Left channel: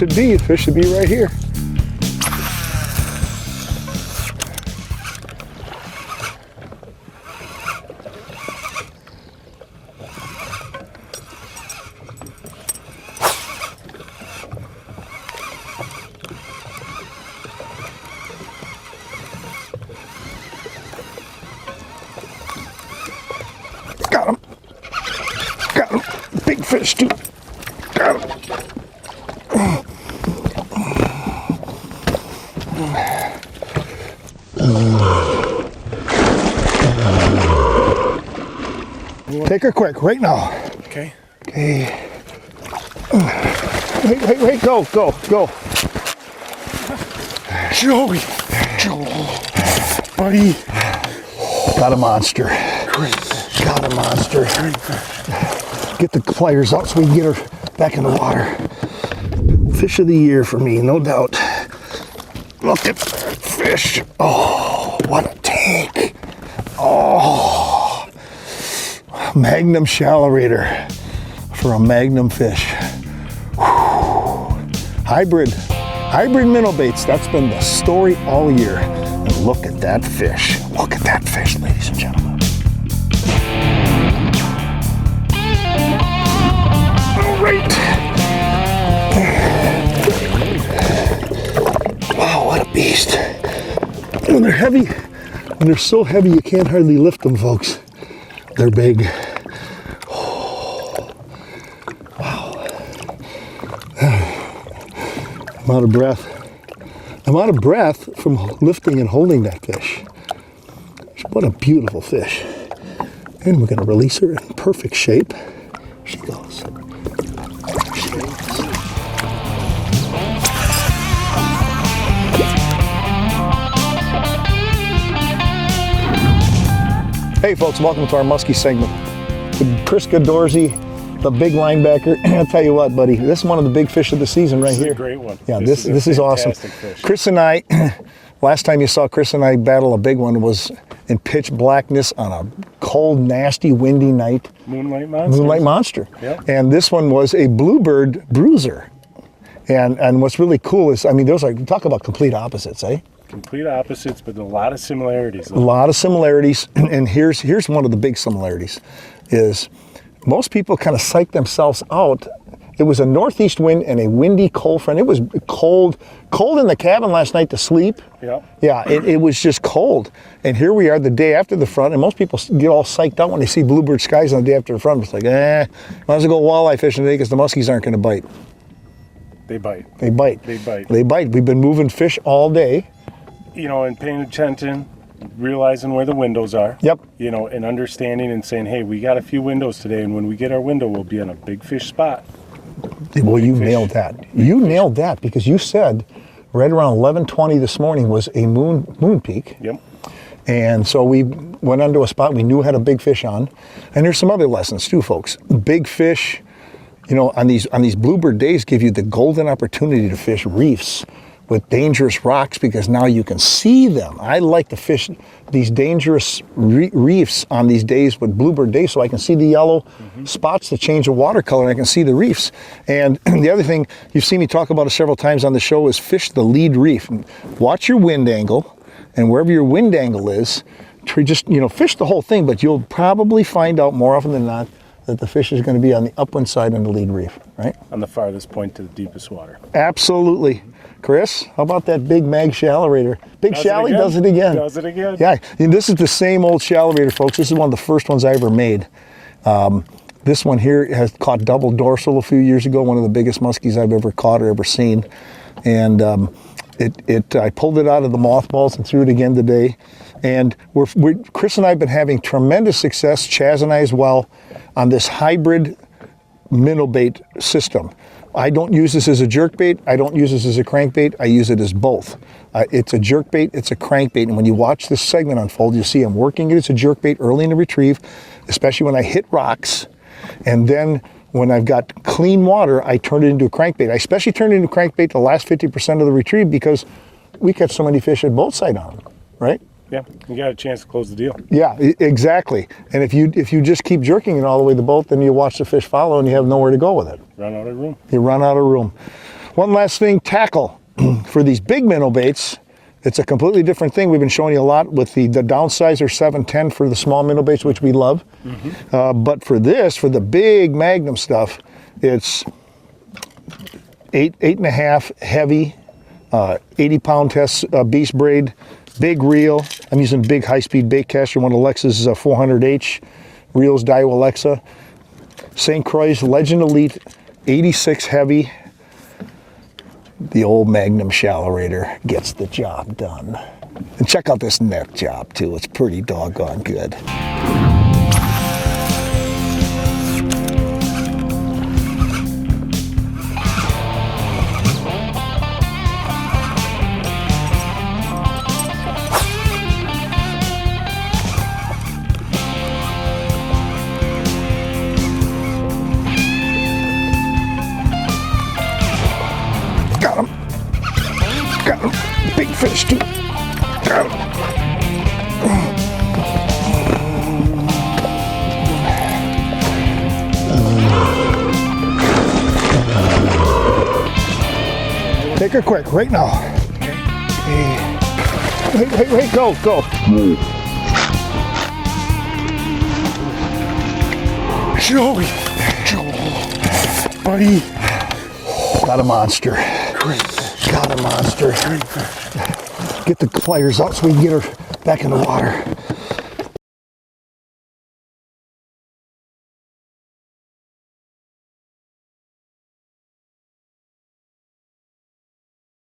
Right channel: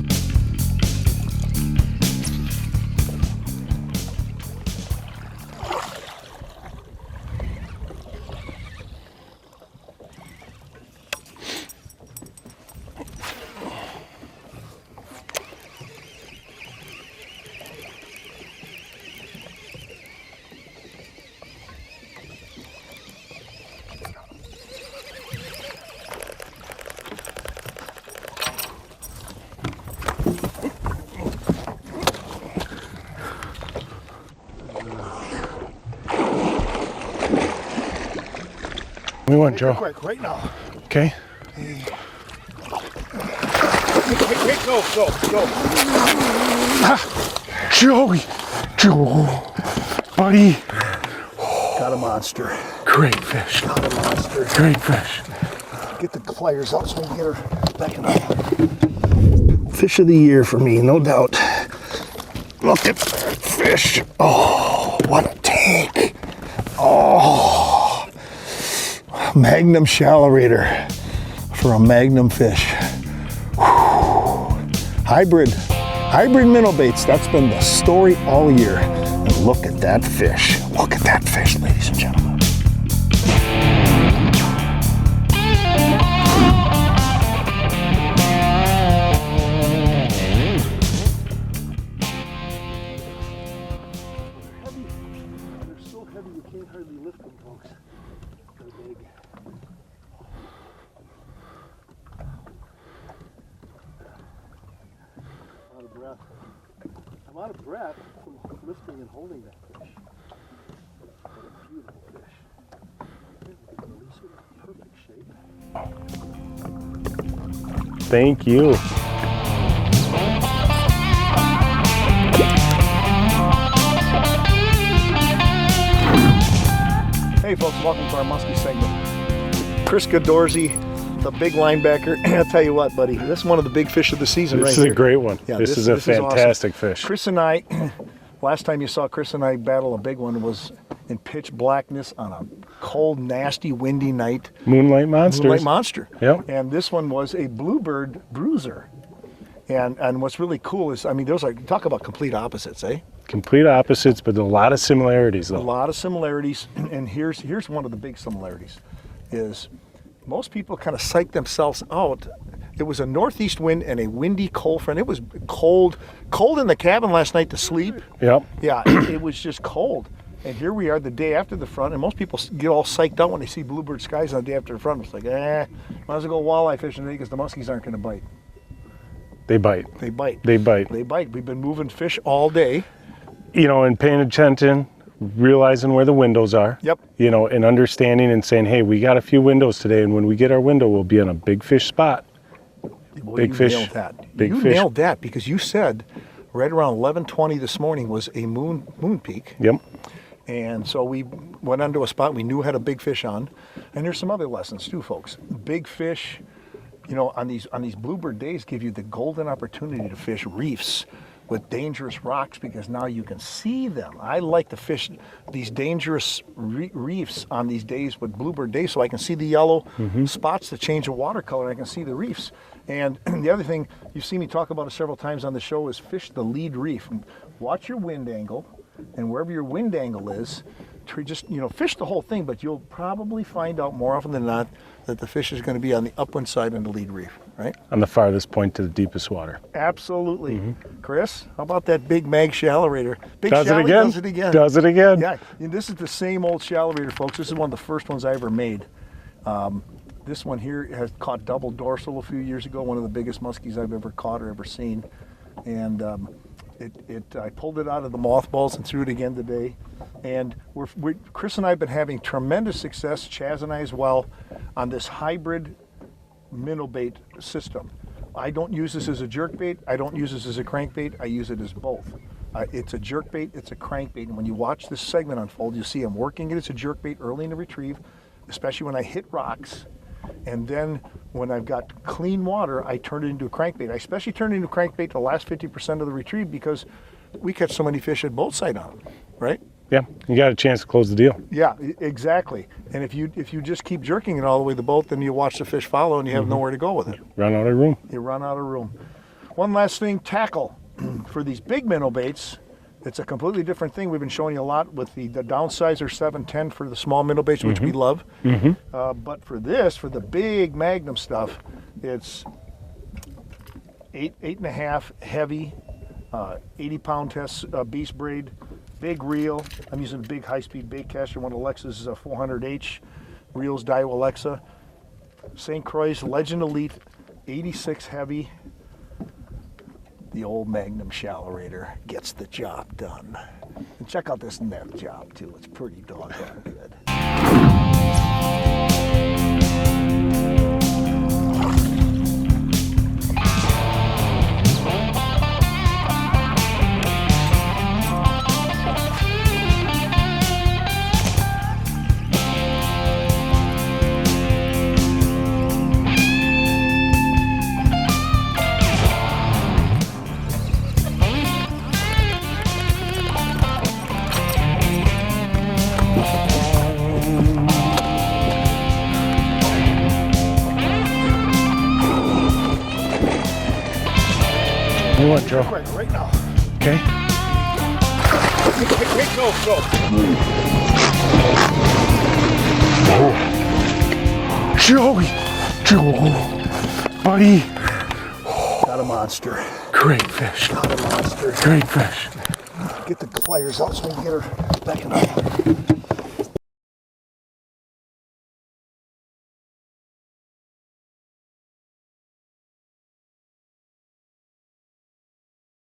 should be. The fish should be right here. Got him. Got him. Big fish too. Got him. Take her quick, right now. Okay. Okay. Wait, go. Joey, buddy. Got a monster. Great fish. Got a monster. Great fish. Get the pliers out so we can get her back in the water. Fish of the year for me, no doubt. Look at that fish. Oh, what a tank. Oh, Magnum Shallowrator for a Magnum fish. Whew. Hybrid minnow baits. That's been the story all year. And look at that fish. Look at that fish, ladies and gentlemen. Wow, what a beast. When they're heavy, when they're so heavy you can't hardly lift them, folks. They're big. Oh, wow. I'm out of breath. I'm out of breath from lifting and holding that fish. What a beautiful fish. And we're going to release her in perfect shape. Here she goes. Thank you. Hey folks, welcome to our Muskie segment. Chris Dorsey, the big linebacker. I'll tell you what, buddy, this is one of the big fish of the season right here. This is a great one. Yeah, this is awesome. Fish. Chris and I, last time you saw Chris and I battle a big one was in pitch blackness on a cold, nasty, windy night. Moonlight Monster. Yeah. And this one was a bluebird bruiser. And what's really cool is, I mean, those are, talk about complete opposites, eh? Complete opposites, but a lot of similarities. A lot of similarities, and here's one of the big similarities, is most people kind of psych themselves out. It was a northeast wind and a windy cold front. It was cold in the cabin last night to sleep. Yep. Yeah, it was just cold. And here we are the day after the front, and most people get all psyched out when they see bluebird skies on the day after the front. It's like, might as well go walleye fishing today because the muskies aren't going to bite. They bite. They bite. They bite. They bite. We've been moving fish all day. You know, and paying attention, realizing where the windows are. Yep. You know, and understanding and saying, hey, we got a few windows today, and when we get our window, we'll be on a big fish spot. Well, you nailed that. You nailed that because you said right around 11:20 this morning was a moon peak. Yep. And so we went onto a spot we knew had a big fish on. And there's some other lessons too, folks. Big fish, you know, on these bluebird days give you the golden opportunity to fish reefs with dangerous rocks because now you can see them. I like to fish these dangerous reefs on these days with bluebird days so I can see the yellow spots that change the water color and I can see the reefs. And the other thing, you've seen me talk about it several times on the show, is fish the lead reef. Watch your wind angle, and wherever your wind angle is, just, you know, fish the whole thing, but you'll probably find out more often than not that the fish is going to be on the upwind side on the lead reef, right? On the farthest point to the deepest water. Absolutely. Chris, how about that big mag Shallowrator? Big Shallowrator does it again. Does it again. Yeah, and this is the same old Shallowrator, folks. This is one of the first ones I ever made. This one here has caught double dorsal a few years ago, one of the biggest muskies I've ever caught or ever seen. And I pulled it out of the mothballs and threw it again today. And Chris and I have been having tremendous success, Chaz and I as well, on this hybrid minnow bait system. I don't use this as a jerk bait. I don't use this as a crankbait. I use it as both. It's a jerk bait, it's a crankbait. And when you watch this segment unfold, you'll see I'm working it as a jerk bait early in the retrieve, especially when I hit rocks. And then when I've got clean water, I turn it into a crankbait. I especially turn it into a crankbait the last 50% of the retrieve because we catch so many fish at both sides on them, right? Yeah, you got a chance to close the deal. Yeah, exactly. And if you just keep jerking it all the way to the boat, then you watch the fish follow and you have nowhere to go with it. Run out of room. You run out of room. One last thing, tackle. For these big minnow baits, it's a completely different thing. We've been showing you a lot with the downsizer 710 for the small minnow baits, which we love. But for this, for the big Magnum stuff, it's 8.5 heavy, 80-pound test beast braid, big reel. I'm using big high-speed bait caster, one of Alexa's 400H reels, Daiwa Alexa. St. Croix Legend Elite 86 heavy. The old Magnum Shallowrator gets the job done. And check out this neck job too. It's pretty doggone good. Take her quick, right now. Okay. Wait, go. Joey, buddy. Got a monster. Great fish. Got a monster. Great fish. Get the pliers out so we can get her back in the water.